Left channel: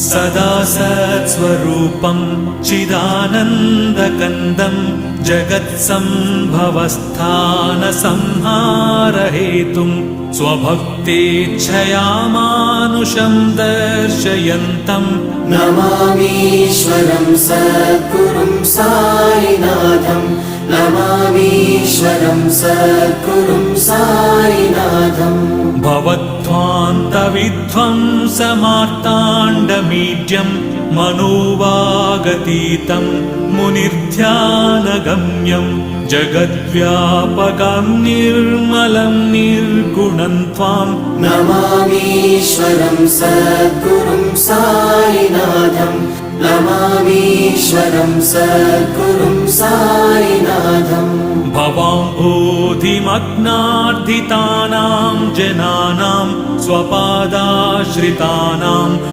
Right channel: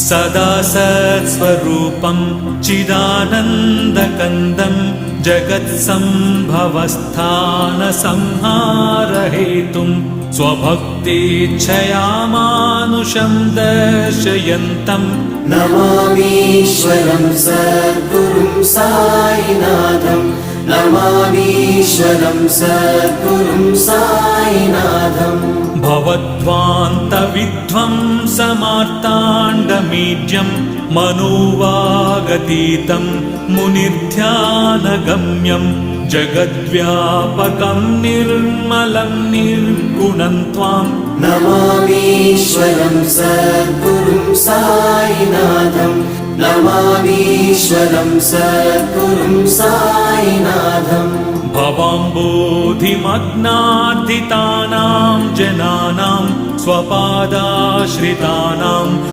सदा सत्स्वरूपं चिदानन्दकन्दं जगत्सम्भवस्थानसंहारहेतुं स्वभक्तेच्छया मानुषं दर्शयन्तम् नमामीश्वरं सद्गुरुं साईनाथं नमामीश्वरं सद्गुरुं साईनाथम् भवद्ध्वान्तविध्वंसमार्ताण्डमीड्यं मनोवागतीतं मुनिर्ध्यानगम्यं जगद्व्यापकं निर्मलं निर्गुणं त्वां नमामीश्वरं सद्गुरुं साईनाथं नमामीश्वरं सद्गुरुं साईनाथम् भवाम्बोधिमग्नार्दितानां जनानां स्वपादाश्रितानां